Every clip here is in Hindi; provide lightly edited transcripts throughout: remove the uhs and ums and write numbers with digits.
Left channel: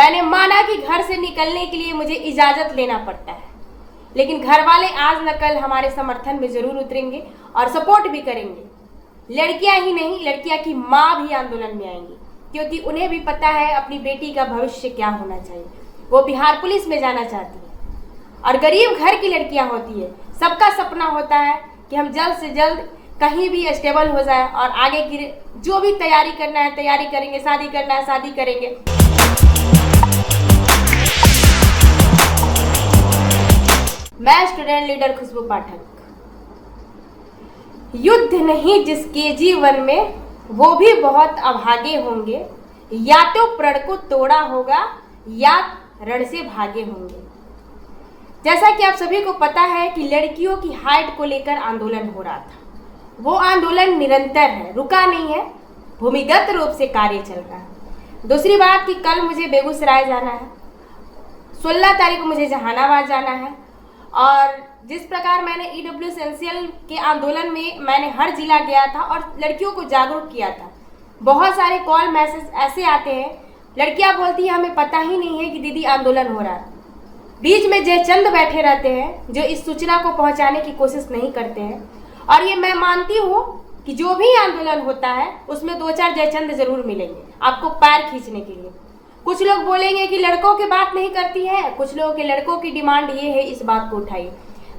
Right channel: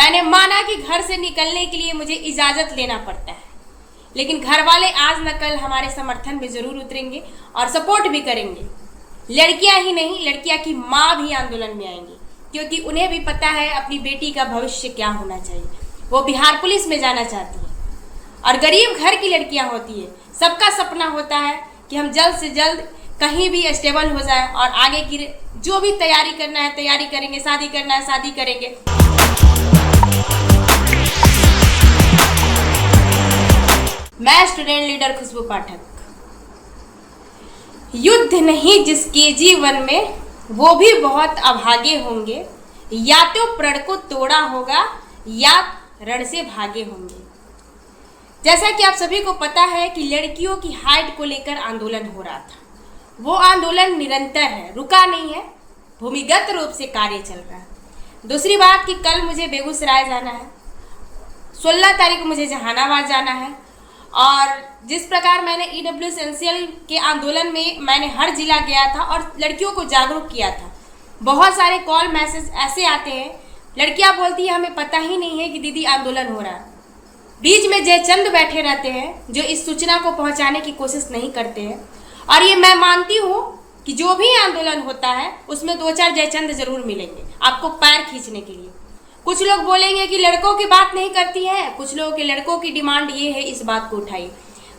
मैंने माना कि घर से निकलने के लिए मुझे इजाजत लेना पड़ता है, लेकिन घर वाले आज न कल हमारे समर्थन में जरूर उतरेंगे और सपोर्ट भी करेंगे। लड़कियां ही नहीं, लड़कियां की माँ भी आंदोलन में आएंगी, क्योंकि उन्हें भी पता है अपनी बेटी का भविष्य क्या होना चाहिए। वो बिहार पुलिस में जाना चाहती है और गरीब घर की लड़कियां होती है। सबका सपना होता है कि हम जल्द से जल्द कहीं भी स्टेबल हो जाए और आगे की जो भी तैयारी करना है तैयारी करेंगे, शादी करना है शादी करेंगे। मैं स्टूडेंट लीडर खुशबू पाठक। युद्ध नहीं जिसके जीवन में, वो भी बहुत अभागे होंगे। या तो प्रण को तोड़ा होगा या रण से भागे होंगे। जैसा कि आप सभी को पता है कि लड़कियों की हाइट को लेकर आंदोलन हो रहा था। वो आंदोलन निरंतर है, रुका नहीं है, भूमिगत रूप से कार्य चल रहा है। दूसरी बात कि कल मुझे बेगूसराय जाना है, 16 तारीख को मुझे जहानाबाद जाना है। और जिस प्रकार मैंने EW एसेंशियल के आंदोलन में मैंने हर जिला गया था और लड़कियों को जागरूक किया था, बहुत सारे कॉल मैसेज ऐसे आते हैं, लड़कियां बोलती है हमें पता ही नहीं है कि दीदी आंदोलन हो रहा है। बीच में जयचंद बैठे रहते हैं जो इस सूचना को पहुंचाने की कोशिश नहीं करते हैं। और ये मैं मानती हूँ कि जो भी आंदोलन होता है उसमें 2-4 जयचंद जरूर मिलेंगे आपको पैर खींचने के लिए। कुछ लोग बोलेंगे कि लड़कों की बात नहीं करती है, कुछ लोगों के लड़कों की डिमांड ये है, इस बात को उठाइए।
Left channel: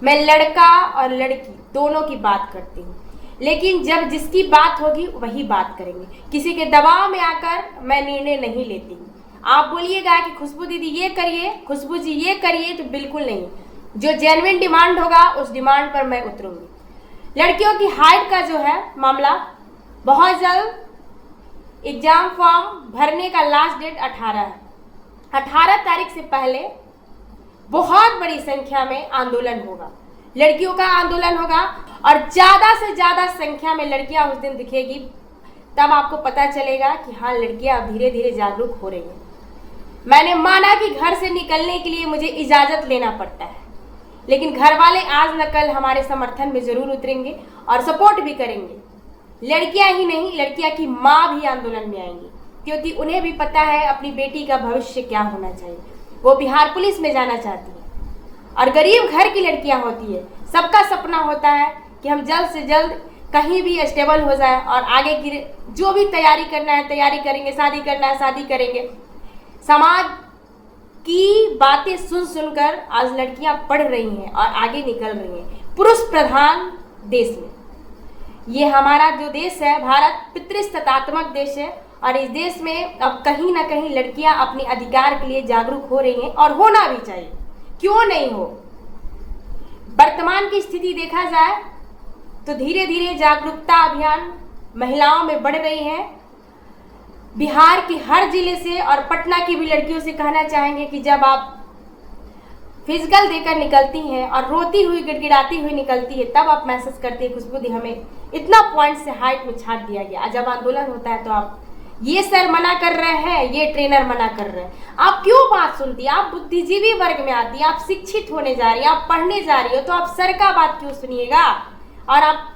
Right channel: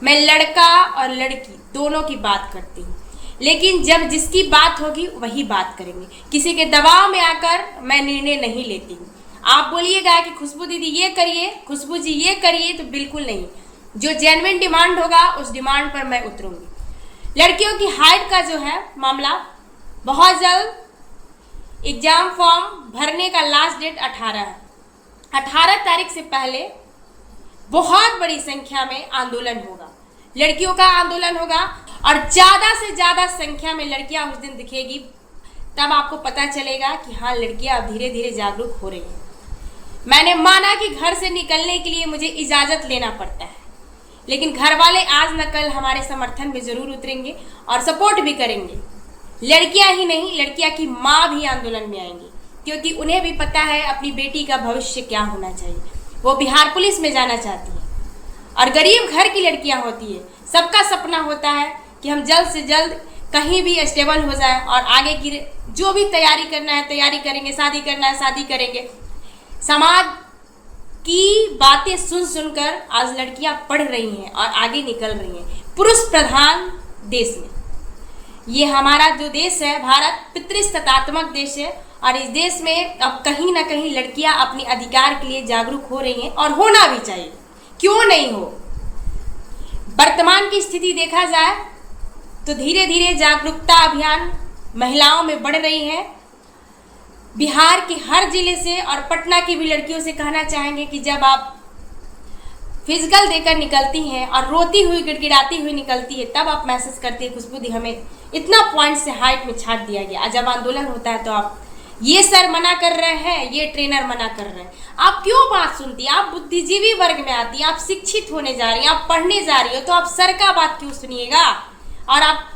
मैं लड़का और लड़की दोनों की बात करती हूँ, लेकिन जब जिसकी बात होगी वही बात करेंगे। किसी के दबाव में आकर मैं निर्णय नहीं लेती हूँ। आप बोलिएगा कि खुशबू दीदी ये करिए, खुशबू जी ये करिए, तो बिल्कुल नहीं। जो जेन्युइन डिमांड होगा उस डिमांड पर मैं उतरूंगी। लड़कियों की हाइट का जो है मामला, बहुत जल्द एग्जाम फॉर्म भरने का लास्ट डेट 18 है। 18 तारीख से पहले बहुत बड़ी संख्या में आंदोलन होगा, लड़कियों का आंदोलन होगा और ज्यादा से ज्यादा संख्या में लड़कियां उस दिन दिखेगी। तब आपको पता चलेगा कि हाँ, लड़कियां अब धीरे धीरे जागरूक हो रही हैं। मैंने माना कि घर से निकलने के लिए मुझे इजाजत लेना पड़ता है, लेकिन घर वाले आज न कल हमारे समर्थन में जरूर उतरेंगे और सपोर्ट भी करेंगे। लड़कियां ही नहीं, लड़कियां की माँ भी आंदोलन में आएंगी, क्योंकि उन्हें भी पता है अपनी बेटी का भविष्य क्या होना चाहिए। वो बिहार पुलिस में जाना चाहती है और गरीब घर की लड़कियां होती है। सबका सपना होता है कि हम जल्द से जल्द कहीं भी स्टेबल हो जाए और आगे की जो भी तैयारी करना है तैयारी करेंगे, शादी करना है शादी करेंगे। समाज की बातें सुन सुनकर आज लड़कियां पढ़ रही हैं और आगे निकल रही हैं। पुरुष प्रधान देश में ये हमारा जो देश है भारत, पितृसत्तात्मक देश है और इस देश में अब कहीं ना कहीं लड़कियां अपने अधिकार के लिए जागरूक हो रही हैं और होना भी चाहिए, क्यों नहीं हो। वर्तमान की स्थिति देखा जाए तो धीरे धीरे जागरूकता अभियान महिलाओं में बढ़ रही है। बिहार के हर जिले से और पटना की भी लड़कियों से कहना चाहेंगे कि जब आप फिजिकल देकर निकलती हैं और रोती हुई गिड़गिड़ाती हुई निकलती है, तब आप मैसेज करती है खुशबू दी हमें इतना पॉइंट से हाइट में छाट दिया गया। जब आंदोलन होता है तो आप ये सर मना कर रहे हैं, ये ट्रेनर मना कर रहे हैं। आप क्यों बात सुनती है? आप बुद्धिजीवी वर्ग में आती है, आप शिक्षित होने जा रही हैं, आप पढ़ने जा रही हो, तो आप सर का बात क्यों सुनिएगा और आप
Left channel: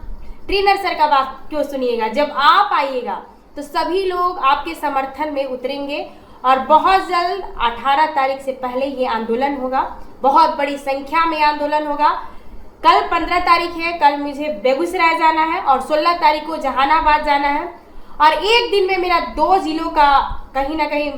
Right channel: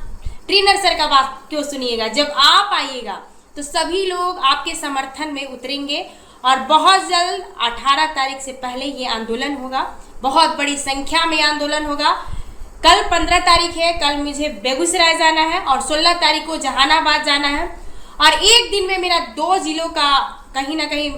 ट्रेनर सर का बात क्यों सुनिएगा? जब आप आइएगा तो सभी लोग आपके समर्थन में उतरेंगे और बहुत जल्द 18 तारीख से पहले ये आंदोलन होगा। बहुत बड़ी संख्या में आंदोलन होगा। कल 15 तारीख है, कल मुझे बेगूसराय जाना है और 16 तारीख को जहानाबाद जाना है। और एक दिन में मेरा 2 जिलों का कहीं ना कहीं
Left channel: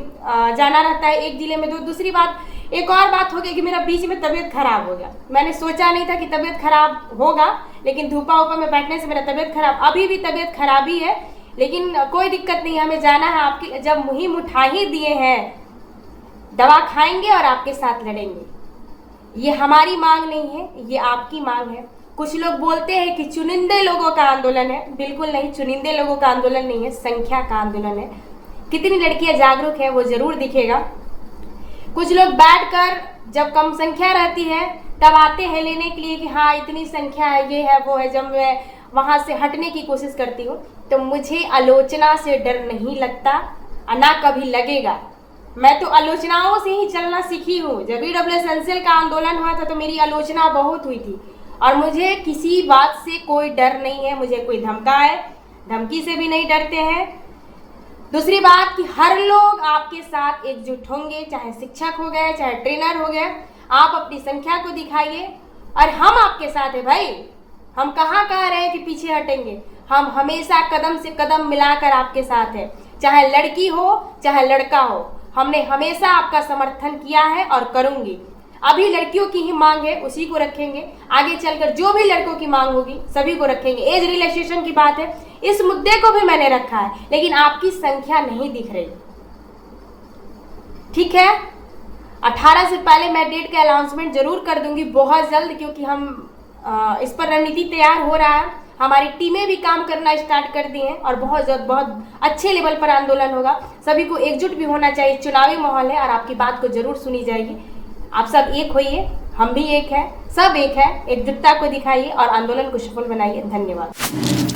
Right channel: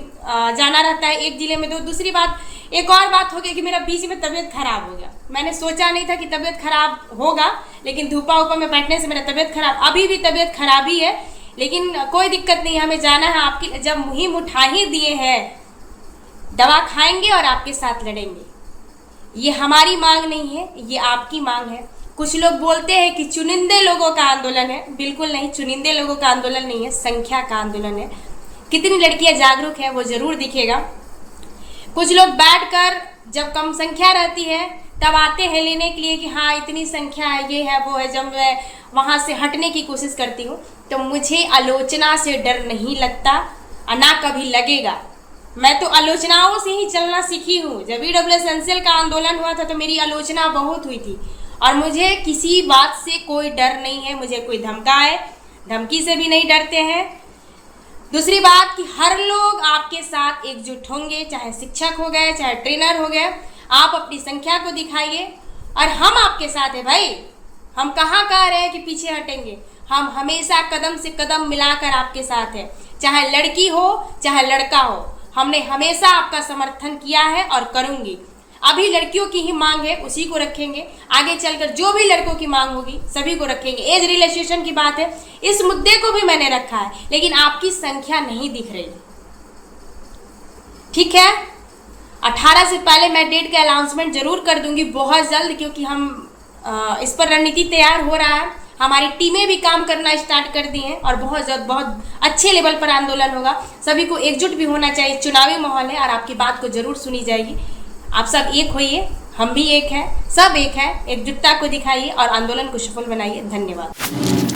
जाना रहता है, एक जिले में 2। दूसरी बात, एक और बात हो गई कि मेरा बीच में तबीयत खराब हो गया। मैंने सोचा नहीं था कि तबीयत खराब होगा, लेकिन धूपा उपा में बैठने से मेरा तबीयत खराब, अभी भी तबीयत खराब ही है, लेकिन कोई दिक्कत नहीं, हमें जाना है। आपकी जब मुहिम उठा ही दिए हैं, दवा खाएंगे और आपके साथ लड़ेंगे। ये हमारी मांग नहीं है, ये आपकी मांग है। कुछ लोग बोलते हैं कि चुनिंदे लोगों का आंदोलन है, बिल्कुल नहीं, चुनिंदे लोगों का आंदोलन नहीं है, संख्या का आंदोलन है। कितनी लड़कियां जागरूक है वो जरूर दिखेगा। कुछ लोग बैठकर जब कम संख्या रहती है तब आते हैं लेने के लिए कि हाँ इतनी संख्या है, ये है वो है। जब मैं वहाँ से हटने की कोशिश करती हूँ तो मुझे आलोचना से डर नहीं लगता और ना कभी लगेगा। मैं तो आलोचनाओं से ही चलना सीखी हूँ। जब EW एसेंशियल का आंदोलन हुआ था तो मेरी आलोचना बहुत हुई थी और मुझे किसी बात से कोई डर नहीं है। मुझे कोई धमकाए, धमकी से भी नहीं डरते हैं। दूसरी बात कि हर लोग आपके साथ एकजुट होंगे, चाहे शिक्षक हो गए, चाहे ट्रेनर हो गए। आप अपनी संख्या को दिखाइए और हम आपके साथ हैं भाई। हम कहाँ कह रहे हैं कि पीछे हटेंगे, हम हमेशा कदम से कदम मिलाकर आपके साथ हैं। चाहे लड़की हो चाहे लड़का हो, हमने हमेशा आपका समर्थन किया है और करूंगी। अभी लड़कियों की ही मांग है, उसी को रखेंगे। आगे चलकर जो भी लड़कों की मांग होगी सभी को रखेंगे। एज रिलैक्सेशन की बात है, इस मुद्दे को भी मैंने रखा है, लेकिन आपकी संख्या नहीं दिख रही। ठीक है, 18 से पहले मैं डेट का अनाउंसमेंट जरूर कर दूंगी बहुत जल्द, क्योंकि हम इस पर रणनीति तैयार हो रहा है। हमारी टीमें भी काम करना स्टार्ट कर दी हैं और बहुत अच्छे लेवल पर आंदोलन होगा। सभी को एकजुट भी होना चाहिए। चुनावी माहौल है और आपकी बात को जरूर सुनी जाएगी। आप सब एक होइए, हम भी एक है, सब एक है। एकजुटता को दिखाइए और आंदोलन को सफल बनाइए। धन्यवाद।